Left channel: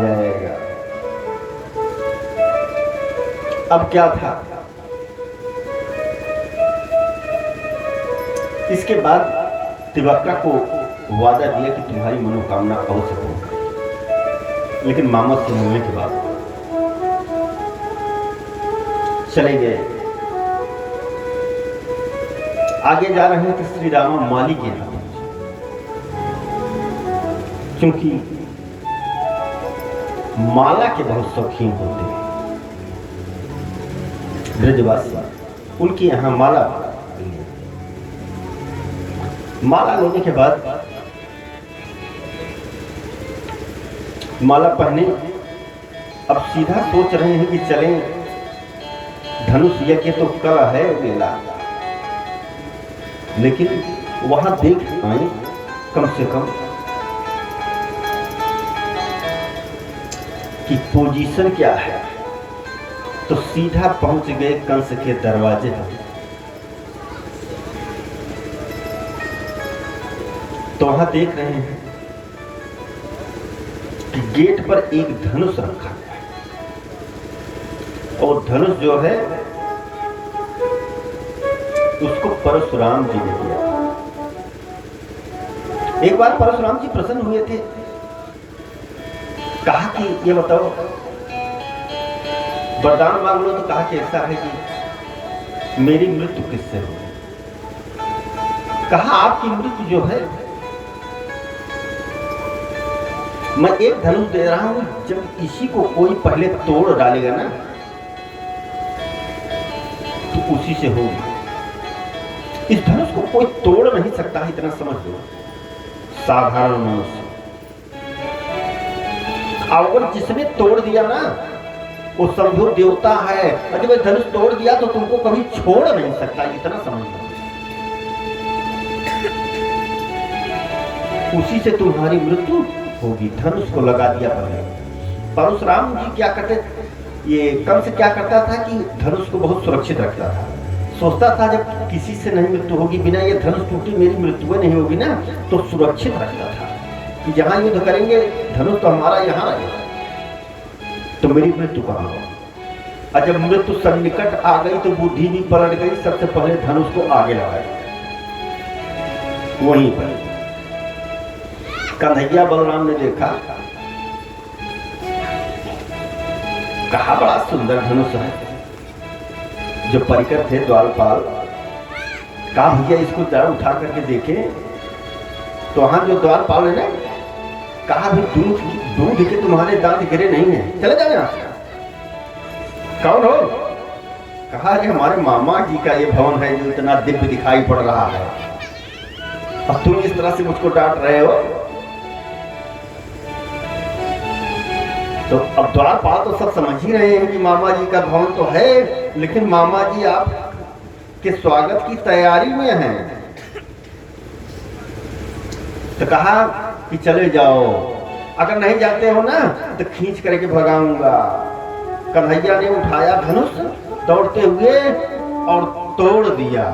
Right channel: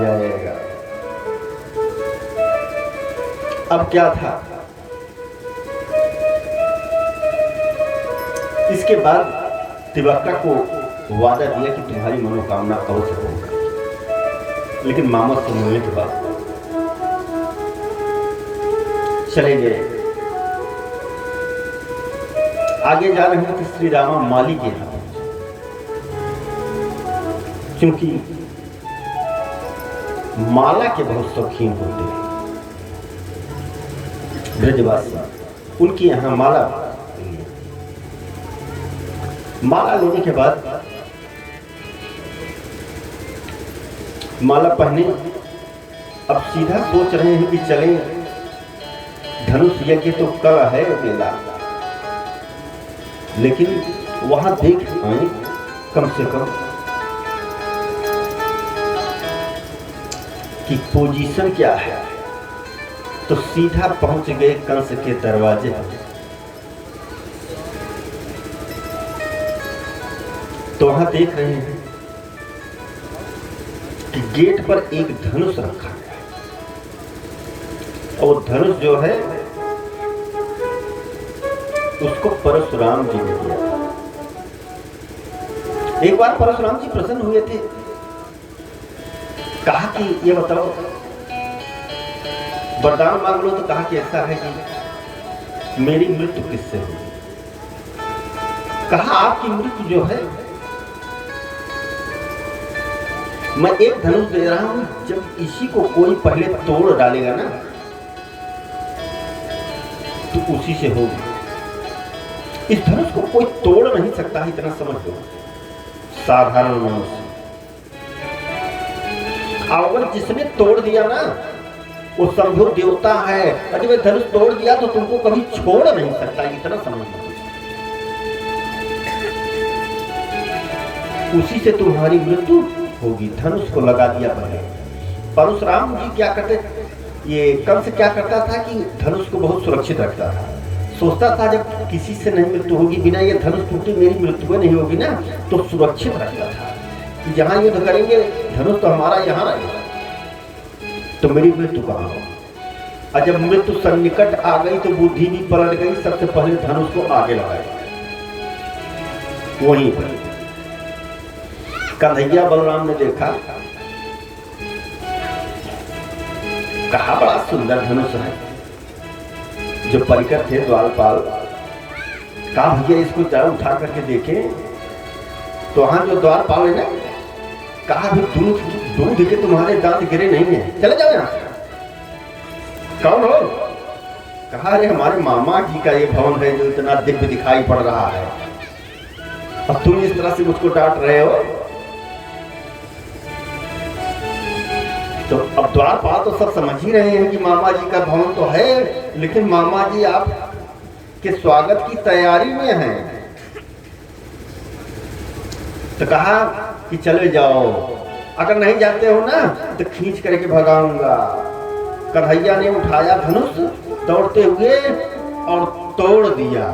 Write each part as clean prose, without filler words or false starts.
जाएगा। अब क्या था, इसके बाद तिवक्का को वादा दिया कि तुम्हारी मनोकामना अवश्य पूर्ण करेगी। लेकिन मामा से मिलने के बाद चले गए। आगे जा रहे हैं तो श्री रामा माली के यहाँ, क्योंकि माला के बहुत शौकीन होते हैं ब्रजवासी, उनके यहाँ माला लेने के बाद माला पहने। अब सीधा सोच रहे हैं कि चलें, धनुष यज्ञ तो कल है मेला, लेकिन वहां देख आए कम से कम कि पोजीशन क्या है। तो सीधा पहुंच गए कंस के दरवाजे पर। तो वहां देख रहे हैं कि गेट पर एक धनुष रखा है, और धनुष जो है उसको परशुराम जी ने दिया था। एक बार परशुराम जी प्रसन्न हुए थे, कहा कि ये बताओ वरदान मांग लो। तो कहा कि ऐसा है कि मेरी मृत्यु किससे हो। कहा आपकी मृत्यु जो है, मैं एक धनुष दे रहा हूं, जब इसी को कोई पहले तोड़ डालेगा ना तो उसी से होगी। इस धनुष को कोई तोड़ नहीं सकता है, इतना समझ लो, साधारण मनुष्य। अगर जिसने तोड़ दिया ना वो शंभु देवता है, और जब धनुष तोड़ दिया तो तुमको कभी छोड़ नहीं सकता, इतना समझ लो। उसी से तुम्हारी मृत्यु होगी। धनुष को लगा दिया पहले। परशुराम जी क्या करते, ये कंस क्या करता था कि धनुष को बहुत सुरक्षित रखता था। सोचता था जब किसी से नहीं मृत्यु होगी, बिना ये धनुष टूटे मेरी मृत्यु नहीं होगी ना, तो सुरक्षित रखता था कि जहां युद्ध करेंगे धनुष तो हमारा यहाँ रहेगा, तो मेरी मृत्यु कहाँ हो। और जब मृत्यु सन्निकट आ गई तो बुद्धि भी पलट गई। सबसे पहले धनुष को आगे लगाया, वहीं पर कन्हैया बलराम ने देखा, कहा बड़ा सुंदर धनुष है। जो परिकर थे द्वारपाल, कहा भैया इसको जरा उठा करके देखें। तो वहां जो द्वारपाल है ना, कहा दूध के तुम्हारे दांत गिरे नहीं है, चले जाओ यहां से। कौन हो? कहा अरे हमारे मामा जी का ये भवन है जो इतना दिव्य दिखाई पड़ रहा है, अब तुम इस तरह से मुझको डांट रहे हो। तो अब द्वारपाल तो सब समझ ही रहे हैं कि मामा जी का भवन तो है, लेकिन मामा जी आप के स्वागत की तैयारी में हैं। तो कहा कि चले जाओ, अगर नहीं जाते हो ना तो खींच करके भगाऊंगा। कन्हैया ने उठाया धनुष दौड़ते हुए और तोड़ दिया।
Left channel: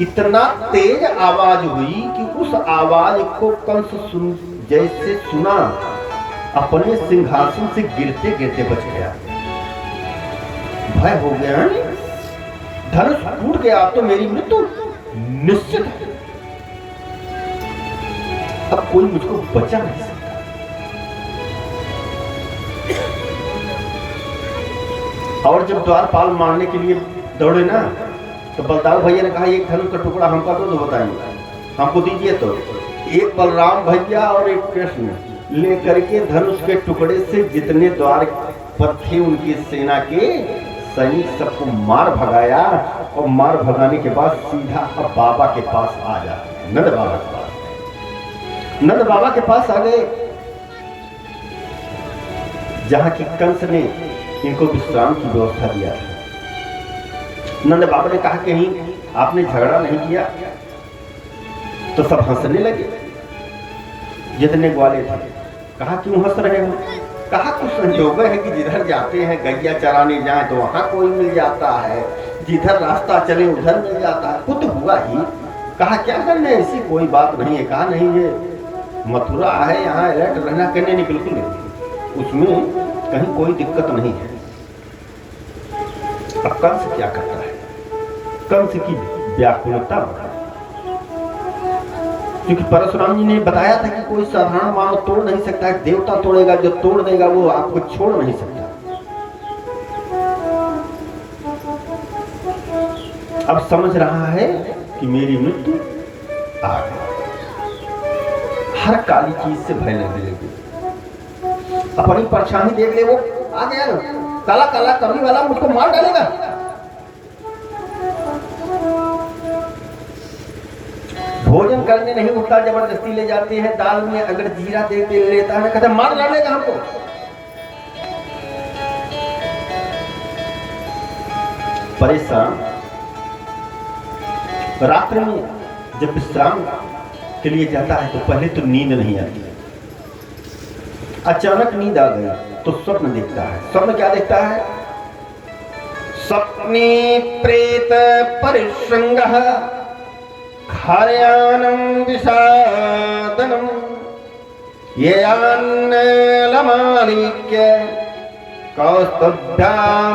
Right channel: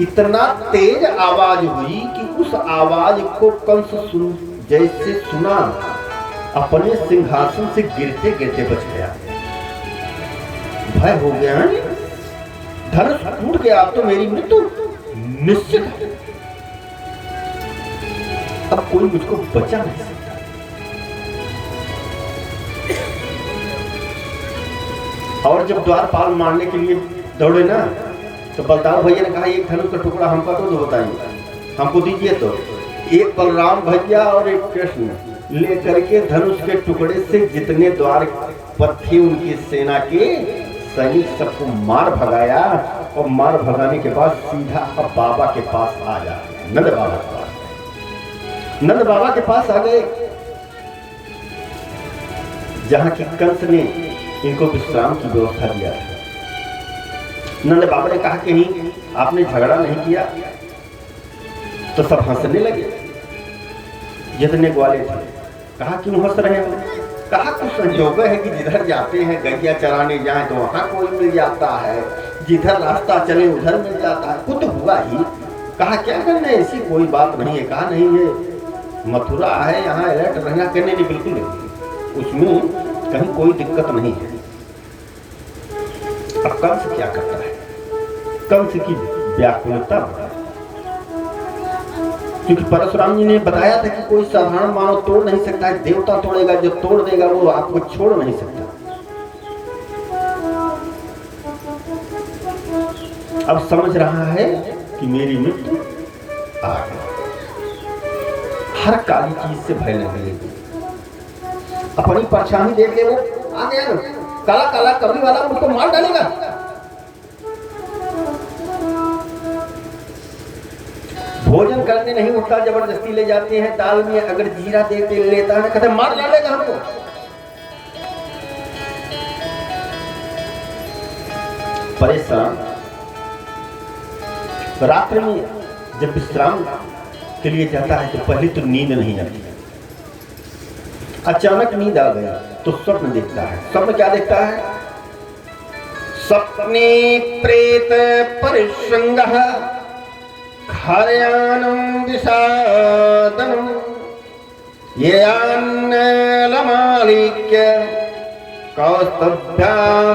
इतना तेज आवाज हुई कि उस आवाज को कंस जैसे सुना, अपने सिंहासन से गिरते गिरते बच गया। भय हो गया, धनुष टूट गया, तो मेरी मृत्यु निश्चित है, अब कोई मुझको बचा नहीं सकता। और जब द्वारपाल मारने के लिए दौड़े ना, तो बलदाऊ भैया ने कहा एक धनुष का टुकड़ा हमका तो बताइए, हमको दीजिए। तो एक बलराम भैया और एक कृष्ण लेकर के धनुष के टुकड़े से जितने द्वार पर थे उनकी सेना के सैनिक सबको मार भगाया, और मार भगाने के बाद सीधा अब बाबा के पास आ जाते, नंद बाबा के पास। नंद बाबा के पास आ गए, जहां की कंस ने इनको विश्राम की व्यवस्था दिया। नंद बाबा ने कहा कहीं आपने झगड़ा नहीं किया? तो सब हंसने लगे, जितने ग्वाले थे। कहा क्यों हंस रहे हो? कहा कुछ संजोग है कि जिधर जाते हैं गैया चराने जाएं तो वहां कोई मिल जाता है, जिधर रास्ता चले उधर मिल जाता है, खुद हुआ ही। कहा क्या करने, ऐसी कोई बात नहीं है। कहा नहीं, ये मथुरा है, यहाँ अलर्ट रहना। करने नहीं, बिल्कुल नहीं। उसमें कहीं कोई दिक्कत नहीं है। अब कंस क्या करता है? कंस की व्याकुलता, क्योंकि परशुराम जी ने बताया था कि कोई साधारण मानव तोड़ नहीं सकता है, देवता तोड़ेगा, जो तोड़ देगा वो आपको छोड़ नहीं सकता। अब समझ रहा है कि मेरी मृत्यु आ गई, हर काली चीज से भय लगने लगी। अपनी परछाई देख ले, वो आ गया, काला काला कबरी वाला मुझको मार डालेगा। भोजन करने नहीं उठता, जबरदस्ती ले जाते हैं, दाल में अगर जीरा दे के लेता है ना, कहते मार डालेगा हमको। परेशान। रात्रि में जब विश्राम के लिए जाता है तो पहले तो नींद नहीं आती है। अचानक नींद आ गई तो स्वप्न देखता है। स्वप्न क्या देखता है? सपने प्रेत परिश्रृंगः खार्याणं विषादनं येयान्नलमालिक्य कौस्तुभ्यां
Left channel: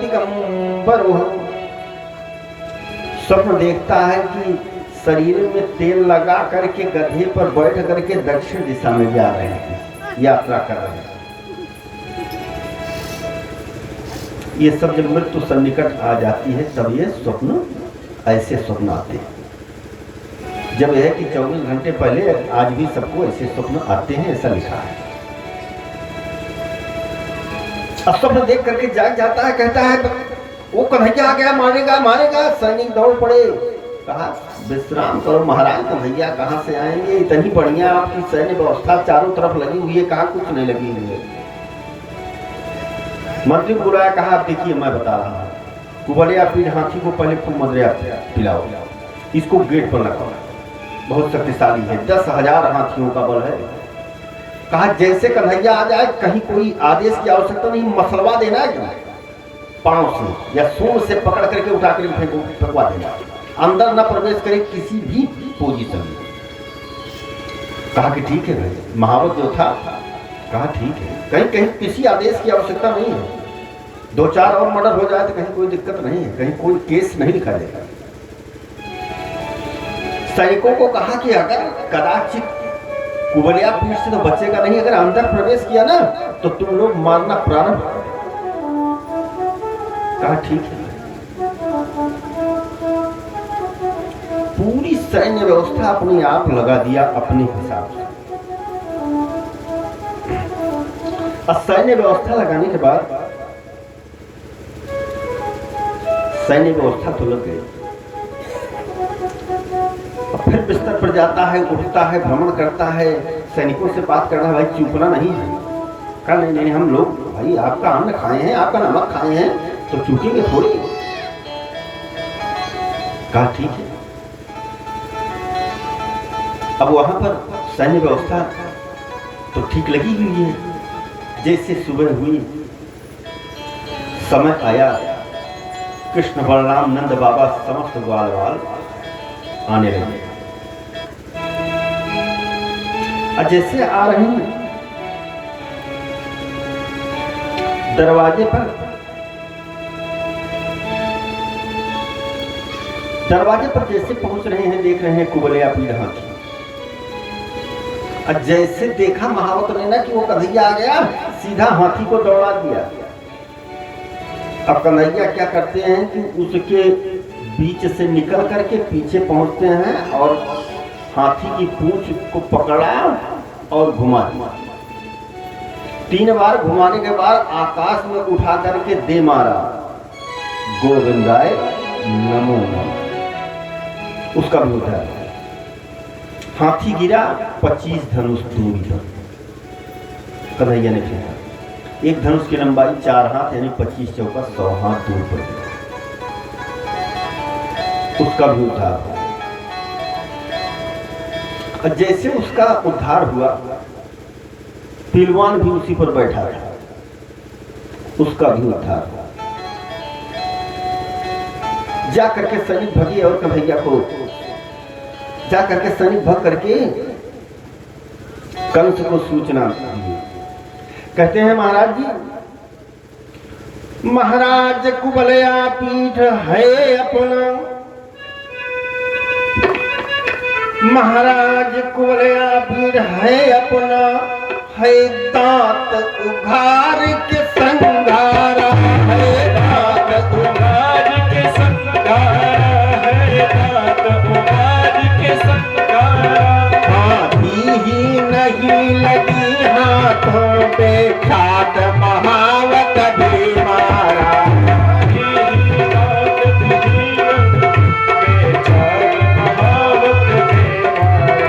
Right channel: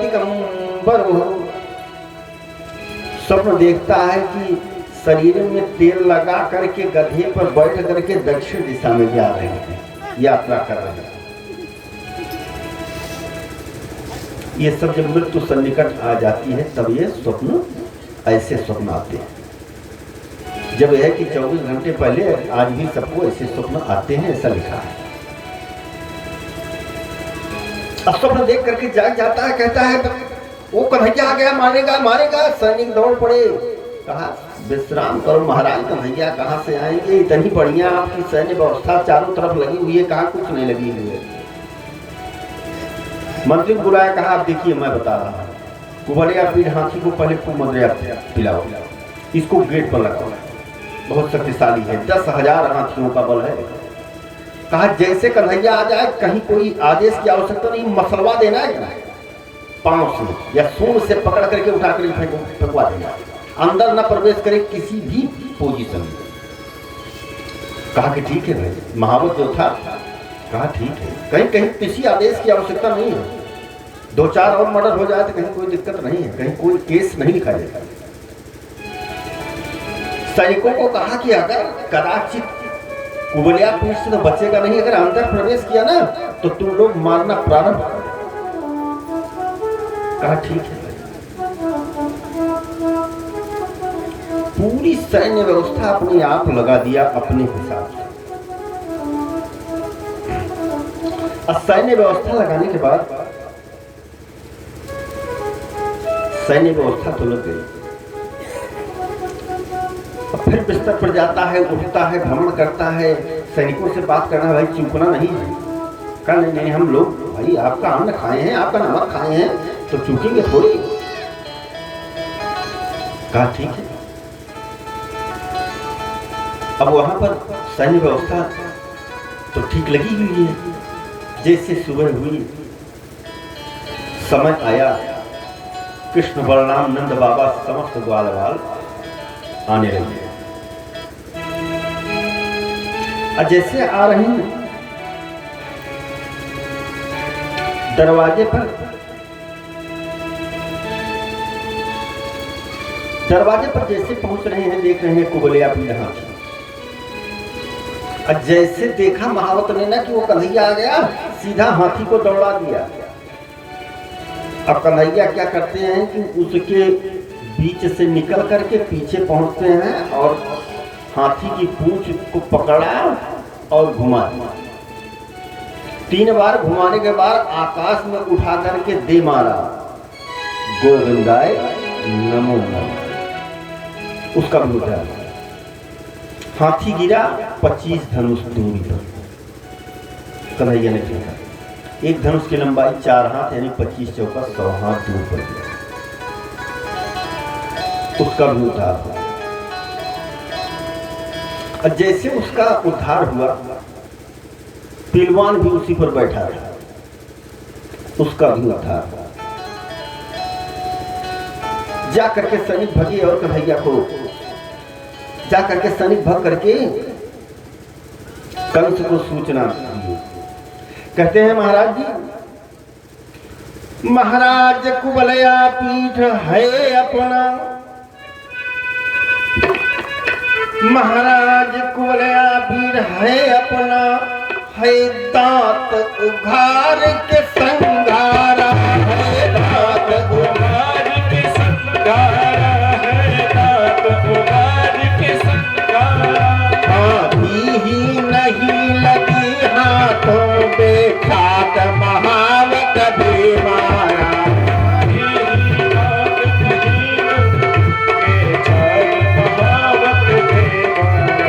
दिगंबरः। स्वप्न देखता है कि शरीर में तेल लगा करके गधे पर बैठ करके दक्षिण दिशा में जा रहे हैं, यात्रा कर रहे हैं। ये सब जब मृत्यु सन्निकट आ जाती है तब ये स्वप्न, ऐसे स्वप्न आते हैं। जब यह है कि 24 घंटे पहले आज भी सबको ऐसे स्वप्न आते हैं, ऐसा लिखा है। अब स्वप्न देख करके जाग जाता है, कहता है वो कन्हैया आ गया, मारेगा मारेगा। सैनिक दौड़ पड़े, कहा विश्राम करो महाराज, कन्हैया कहाँ से आएंगे, इतनी बढ़िया आपकी सैन्य व्यवस्था चारों तरफ लगी हुई है, कहाँ कुछ नहीं लगी हुई है। मंत्री बुलाया, कहा आप देखिए मैं बता रहा हूँ, कुबलिया पीठ हाथी को पहले खूब मदरिया पिलाओ, इसको गेट पर लगाओ, बहुत शक्तिशाली है, 10,000 हाथियों का बल है। कहा जैसे कन्हैया आ जाए कहीं कोई आदेश की आवश्यकता नहीं, मसलवा देना है, पांव से या सूंड से पकड़ करके उठा कर फेंकवा देना, अंदर न प्रवेश करे किसी भी पोजीशन में। कहा कि ठीक है भाई, महावत जो था, कहा ठीक है, कहीं कहीं किसी आदेश की आवश्यकता नहीं है, 2-4 और मर्डर हो जाए तो कहीं कोई दिक्कत नहीं है, कहीं कोई केस नहीं लिखा जाएगा। सैनिकों को कहा कि अगर कदाचित कुबलिया पीठ से तो बचेगा नहीं, अगर अंदर प्रवेश किया ना तो तुम लोग मारना प्रारंभ करो। कहा ठीक है। पूरी सैन्य व्यवस्था अपने आप लगा दिया अपने हिसाब से। सैन्य व्यवस्था लगाने के बाद सैन्य व्यवस्था तो लग गई। अब फिर बिस्तर पर जाता है, उठता है, भ्रमण करता है, सैनिकों से बात करना है, भाई चूकना नहीं है। कहा नहीं नहीं, हम लोग भाई आपका अन्न खाए हैं, आपका नमक खाए हैं, तो चूकेंगे थोड़ी। कहा ठीक है। अब वहां पर सैन्य व्यवस्था तो ठीक लगी हुई है। जैसे सुबह हुई, समय आया, कृष्ण बलराम नंद बाबा समस्त ग्वाल बाल आने लगे। और जैसे आ रहे हैं, दरवाजे पर जैसे पहुंच रहे हैं, देख रहे हैं कुबलिया पीठ हाथी। और जैसे देखा महावत ने ना कि वो कन्हैया आ गया, सीधा हाथी को दौड़ा दिया। अब कन्हैया क्या करते हैं कि उसके बीच से निकल करके पीछे पहुंचते हैं और हाथी की पूंछ को पकड़ा और घुमा दिया। 3 बार घुमाने के बाद आकाश में उठा करके दे मारा, गोविंदाय नमो नमः। उसका भी उठा, हाथी गिरा 25 धनुष दूरी पर। कन्हैया ने फेंका, एक धनुष की लंबाई 4 हाथ यानी 25 चौका 100 हाथ दूर पर गया। उसका भी उद्धार हुआ। और जैसे उसका उद्धार हुआ, पहलवान भी उसी पर बैठा था, उसका भी उद्धार हुआ। जा करके सैनिक भगे और कन्हैया को जा करके सैनिक भग करके कंस को सूचना दी कहते हैं महाराज जी, महाराज कुबलया पीठ है अपना, महाराज कुबलया पीठ है अपना, है दांत उघार के संघारा, है दांत उघार के संघारा, है दांत उघार के संघारा। हाथी ही नहीं लगी हाथों पे खाट महावत भी मारा, हाथी ही खाट महावत भी मारा।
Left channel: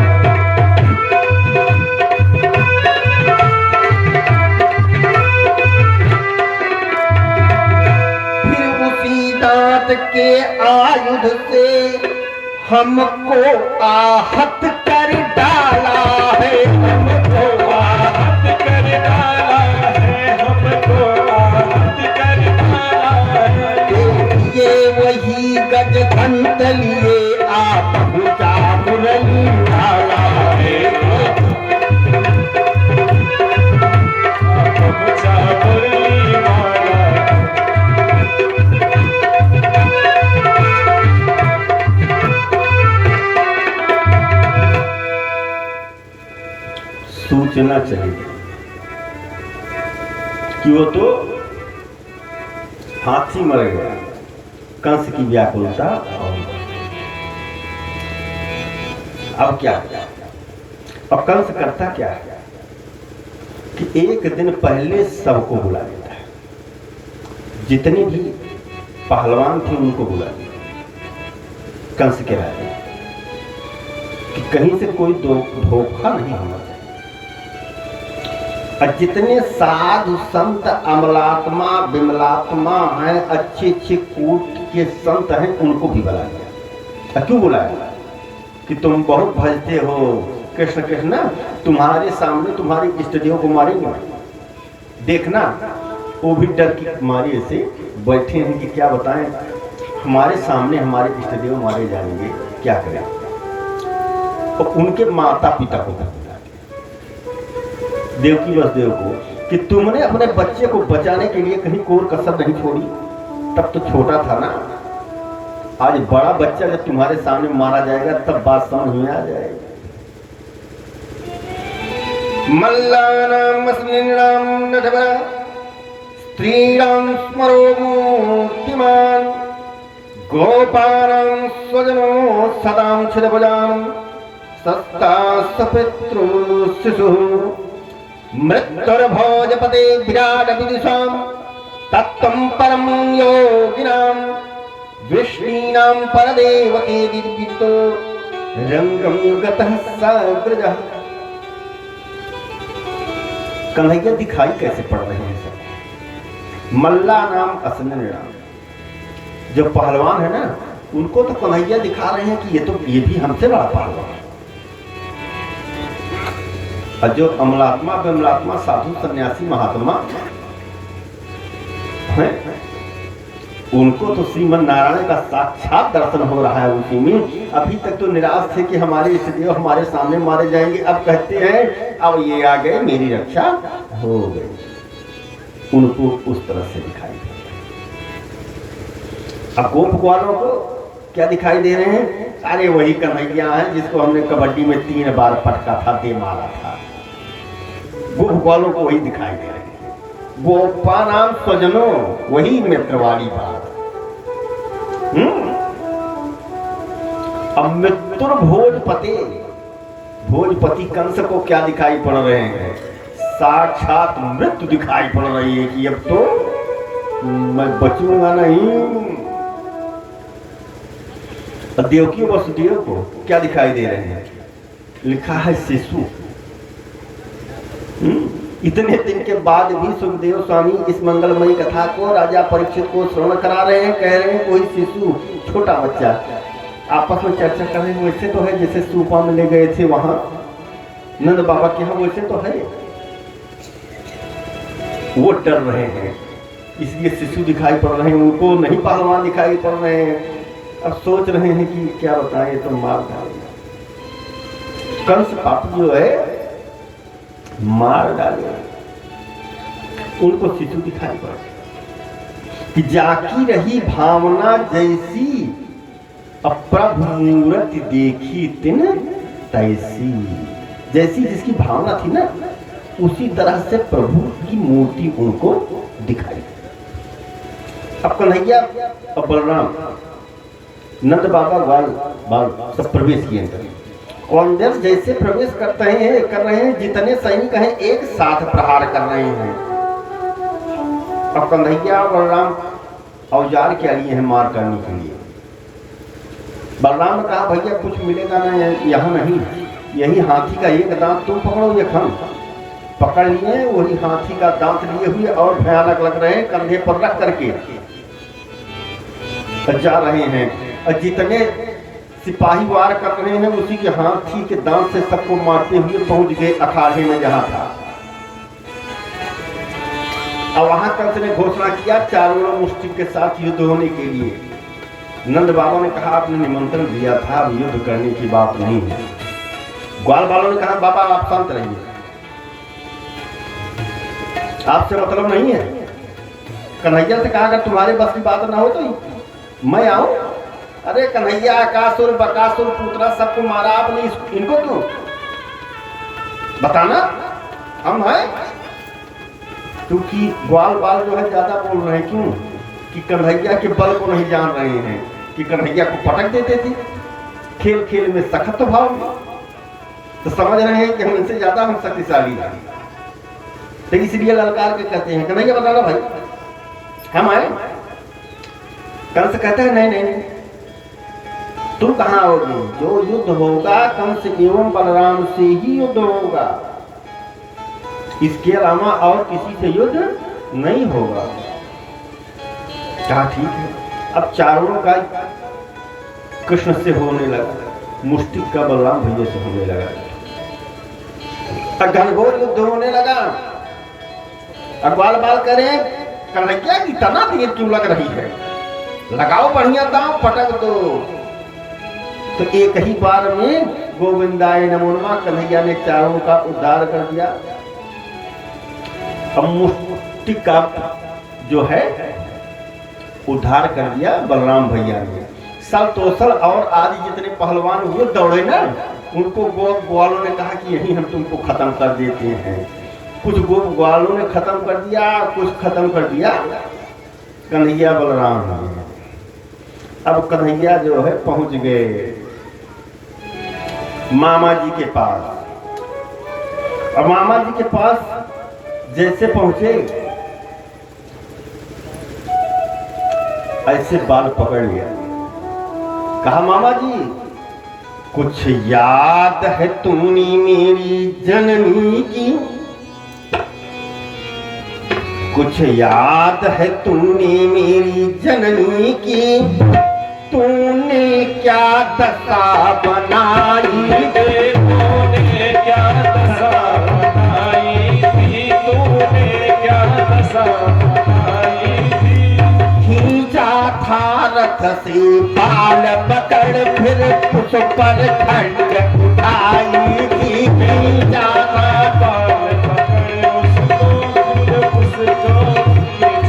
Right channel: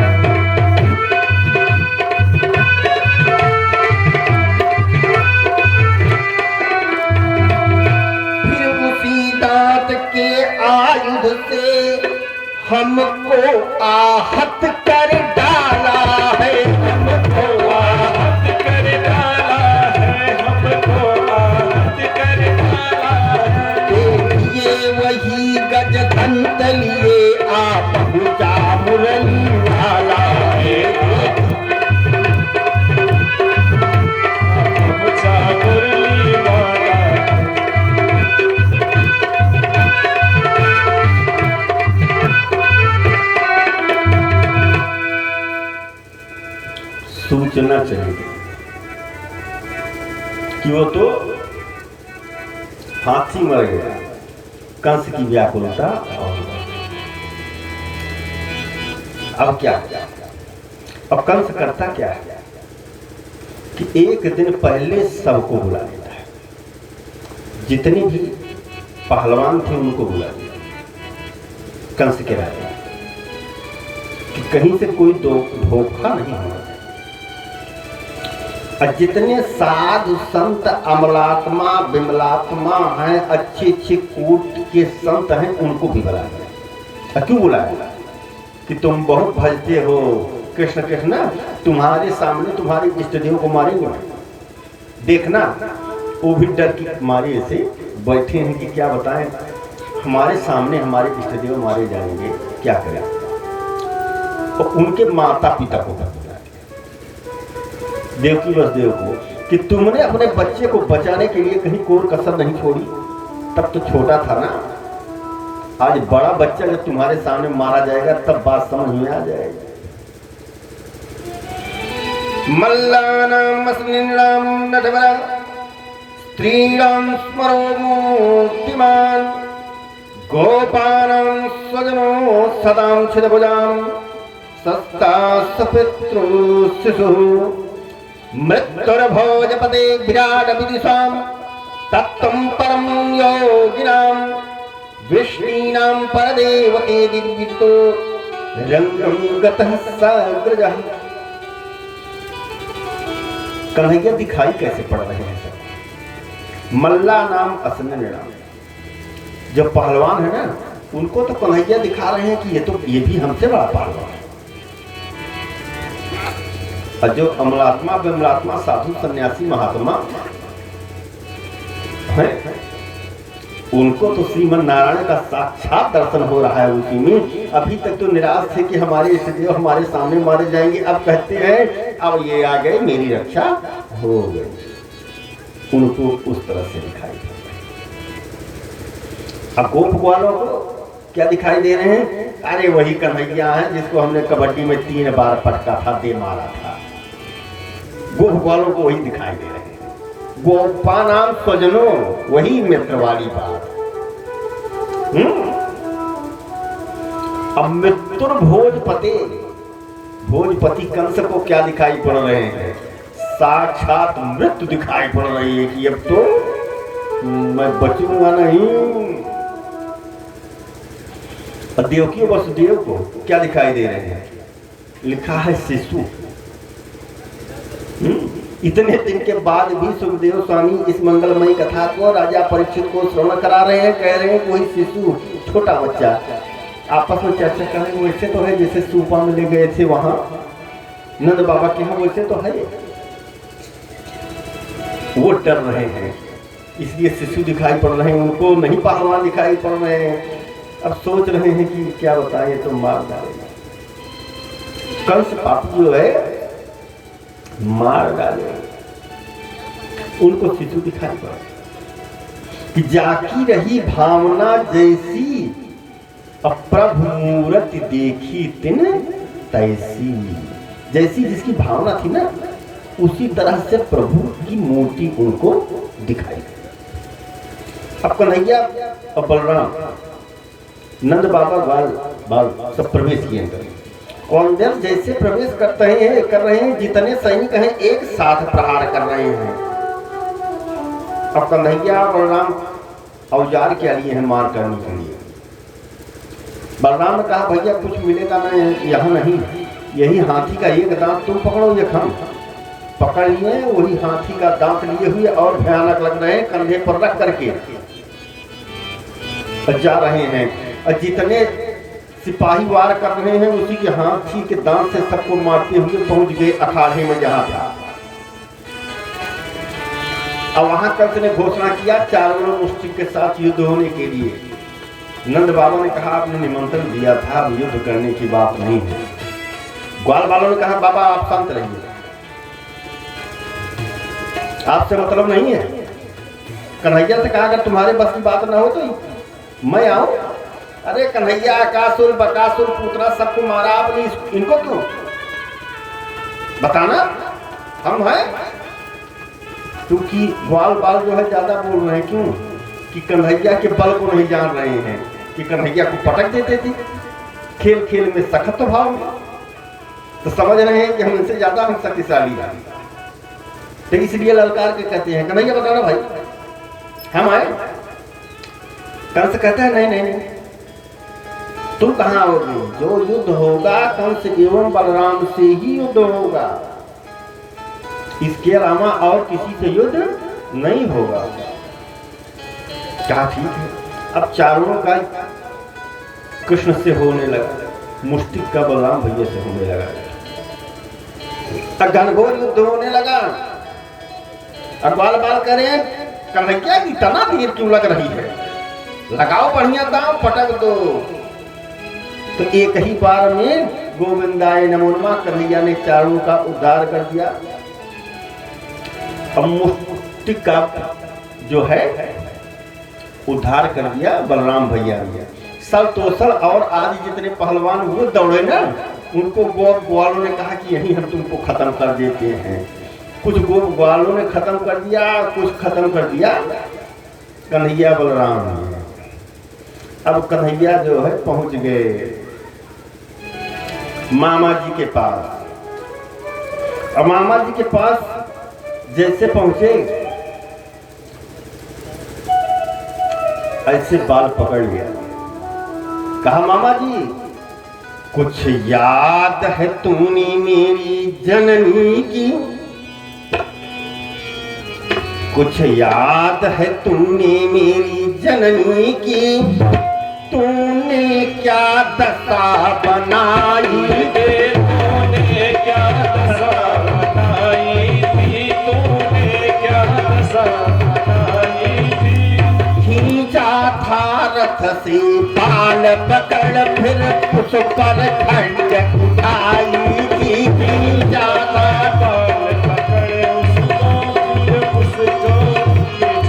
फिर उसी दांत के आयुध से हमको आहत कर डाला है, हमको आहत कर डाला है, हमको आहत कर डाला है। ये वही गज घंट लिए आप पूजा मुरली डाला है, आप पूजा मुरली डाला है। सूचना चाहिए कि वो तो हाथी मर गया, कंस की व्याकुलता। और अब क्या, अब कंस करता क्या है कि एक दिन पहले सबको बुला लेता है, जितने भी पहलवान थे उनको बुला लिया कंस के राजा, कि कहीं से कोई धोखा नहीं होना चाहिए। और जितने साधु संत अमलात्मा विमलात्मा हैं, अच्छे अच्छे कूट के संत हैं, उनको भी बुलाया। क्यों बुलाया? कि तुम बहुत भजते हो कृष्ण कृष्ण, तुम्हारे सामने तुम्हारे इष्ट देव को मारेंगे, देखना। वो भी डर की मारे ऐसे बैठे हैं कि क्या बताएं, हमारे सामने हमारे इष्ट देव मारे जाएंगे, क्या करें। और उनके माता पिता को देवकी वसुदेव को कि तुमने अपने बच्चे को बचाने के लिए कहीं कोर कसर नहीं छोड़ी, तब तो छोटा था ना। आज बड़ा बच्चा जब तुम्हारे सामने मारा जाएगा तब बात समझ में आ जाएगी। मल्लानाम मस्लिनाम नटवरा स्त्रीणाम स्मरो मूर्तिमान गोपानाम स्वजनो सदां छिदभुजां सस्ता सपितृ शिशु मृत्युर्भोजपते विराट विदिशां तत्त्वं परं योगिनां विष्णीनां परदेवते दिव्यतो रंगं गतः साग्रजः। कन्हैया दिखाई कैसे पड़ रहे हैं सब? मल्ला नाम असन्नाम, जो पहलवान है ना, उनको तो कन्हैया दिखा रहे हैं कि ये भी हमसे बड़ा पहलवान है। और जो अमलात्मा विमलात्मा साधु सन्यासी महात्मा हैं, उनको तो श्रीमन नारायण का साक्षात दर्शन हो रहा है उसी में। अभी तक तो निराश थे कि हमारे इष्टदेव हमारे सामने मारे जाएंगे, अब कहते हैं अब ये आ गए, मेरी रक्षा हो गई। उनको उस तरह से दिखाई दे। अब गोप ग्वालों को क्या दिखाई दे रहे हैं? अरे वही कन्हैया हैं जिसको हमने कबड्डी में 3 बार पटका था, दे मारा था। गोप ग्वालों को वही दिखाई दे रहे हैं। गोपा नाम स्वजनो, वही मित्र वाली बात। अब मृत्युर भोजपते, भोजपति कंस को क्या दिखाई पड़ रहे हैं? साक्षात मृत्यु दिखाई पड़ रही है कि अब तो मैं बचूंगा नहीं। देवकी वसुदेव को क्या दिखाई दे रहे हैं? लिखा है शिशु। इतने दिन के बाद भी सुखदेव स्वामी इस मंगलमयी कथा को राजा परीक्षित को श्रवण करा रहे हैं। कह रहे हैं कोई शिशु, छोटा बच्चा। आपस में चर्चा कर रहे हैं, वैसे तो है जैसे सूपा में ले गए थे वहां नंद बाबा के यहाँ, वैसे तो है। वो डर रहे हैं, इसलिए शिशु दिखाई पड़ रहे हैं, उनको नहीं पहलवान दिखाई पड़ रहे हैं। अब सोच रहे हैं कि क्या बताएं, तो मार डालेगा कंस पापी जो है, मार डालेगा। उनको शिशु दिखाई पड़ा कि जाकी रही भावना जैसी, अब प्रभु मूरत देखी तिन तैसी। जैसी जिसकी भावना थी ना, उसी तरह से प्रभु की मूर्ति उनको दिखाई। अब कन्हैया और बलराम, नंद बाबा, ग्वाल बाल सब प्रवेश किए अंदर। और अंदर जैसे प्रवेश कर रहे हैं, जितने सैनिक हैं एक साथ प्रहार कर रहे हैं। अब कन्हैया और बलराम औजार क्या लिए हैं मार करने के लिए। बलराम ने कहा भैया कुछ मिलेगा नहीं, यहाँ नहीं, यही हाथी का एक दांत तुम पकड़ो, ये खम पकड़ लिए, वही हाथी का दांत लिए हुए और भयानक लग रहे हैं, कंधे पर रख करके जा रहे हैं। और जितने सिपाही वार कर रहे हैं उसी के हाथी के दांत से सबको मारते हुए पहुंच गए अखाड़े में जहां था। और वहां कंस ने घोषणा किया चारों मुष्टिक के साथ युद्ध होने के लिए। नंद बाबा ने कहा आपने निमंत्रण दिया था, अब युद्ध करने की बात नहीं है। ग्वाल बालों ने कहा बाबा आप शांत रहिए, आपसे मतलब नहीं है। कन्हैया से कहा अगर तुम्हारे बस की बात ना हो तो मैं आऊं। अरे कन्हैया आकासुर बकासुर पुत्रा सबको मारा आपने, इनको क्यों बताना, हम हैं। क्योंकि ग्वाल बाल जो है ज्यादा बोल रहे हैं, क्यों कि कन्हैया के बल को नहीं जान रहे हैं कि कन्हैया को पटक देते थे खेल खेल में, सखत भाव में, तो समझ रहे हैं कि हम इनसे ज्यादा हम शक्तिशाली हैं। तो इसलिए ललकार के कहते हैं कन्हैया बताना भाई हम आए। कंस कहता है नहीं नहीं नहीं, तुम कहाँ आओगे, जो युद्ध होगा कंस एवं बलराम से ही युद्ध होगा, इसके अलावा और किसी से युद्ध नहीं होगा। कहा ठीक है। अब चारों का कृष्ण से होने लगा, मुष्टिक का बलराम भैया से होने लगा, घनघोर युद्ध होने लगा। अब बाल बाल करें कन्हैया इतना देर क्यों लग रही है, लगाओ बढ़िया दांव पटक दो। तो एक ही बार में गोविंदाय नमो नमः कन्हैया ने चारों का उद्धार कर दिया। अब मुष्टिक का जो है उद्धार कर दिया बलराम भैया ने। सल तोसल और आदि जितने पहलवान वो दौड़े ना, उनको गोप ग्वालों ने कहा कि यही हम तुमको खत्म कर देते हैं। कुछ गोप ग्वालों ने खत्म कर दिया, कुछ खत्म कर दिया कन्हैया बलराम ने। अब कन्हैया जो है पहुंच गए मामा जी के पास। अब मामा जी के पास जैसे पहुंचे ऐसे बाल पकड़ लिया, कहा मामा जी कुछ याद है तूने मेरी जननी की, कुछ याद है तूने मेरी जननी की, तूने क्या दशा बनाई रे, तूने क्या दशा बनाई थी, तूने क्या दशा बनाई थी। खींचा था रथ से बाल पकड़ फिर उस पर खंड उठाई थी, खींचा था बाल पकड़ उसको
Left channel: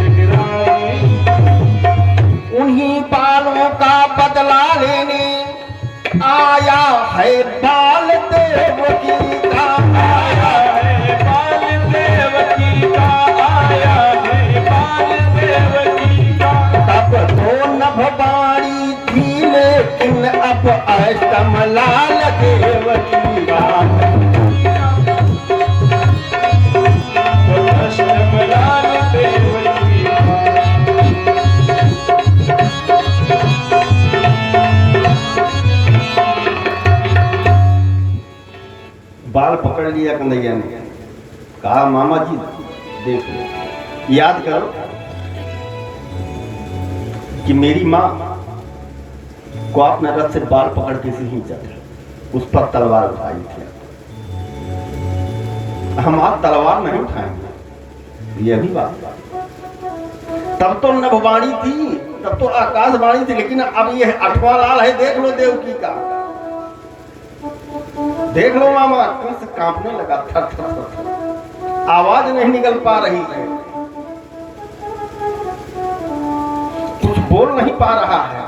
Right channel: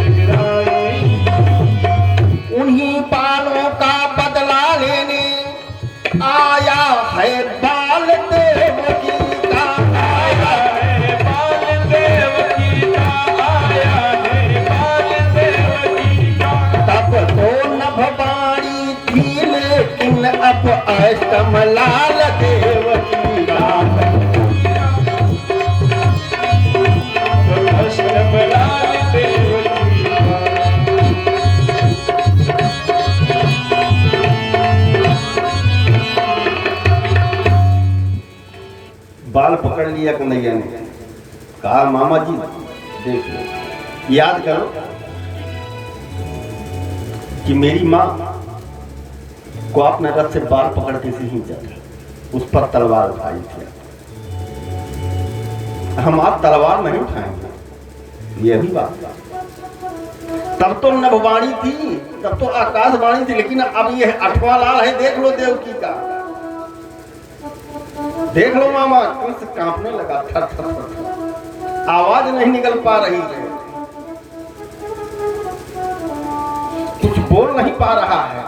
गिराई। उन्हीं बालों का बदला लेने आया है बाल देवकी का, आया है बाल देवकी का, आया है बाल देवकी का। तब तो नभवारी थी लेकिन अब अष्टम लाल देवकी का, अष्टम लाल देवकी का। बाल पकड़ लिया कन्हैया ने, कहा मामा जी देख लो, याद करो कि मेरी माँ को आपने रथ से बाल पकड़ के खींचा था, उस पर तलवार उठाई थी। हम आप तलवार नहीं उठाएंगे, यही बात। तब तो नभवाणी थी, तब तो आकाशवाणी थी, लेकिन अब ये 8वां लाल है, देख लो देवकी का, देख लो मामा। कंस कांपने लगा, थर थर थर, आवाज नहीं निकल पा रही है। बोल नहीं पा रहा है।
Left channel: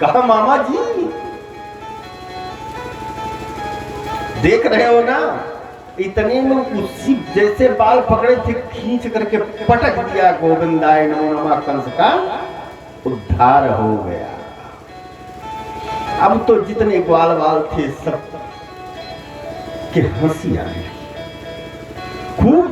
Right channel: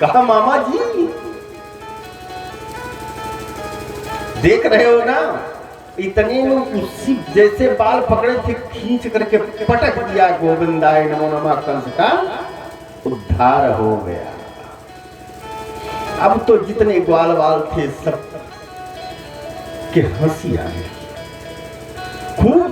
कहा मामा जी देख रहे हो ना, इतने में उसी जैसे बाल पकड़े थे खींच करके पटक दिया गोविंदाय नमो नमः कंस का उद्धार हो गया। अब तो जितने ग्वाल वाल थे सब के हंसी आई खूब।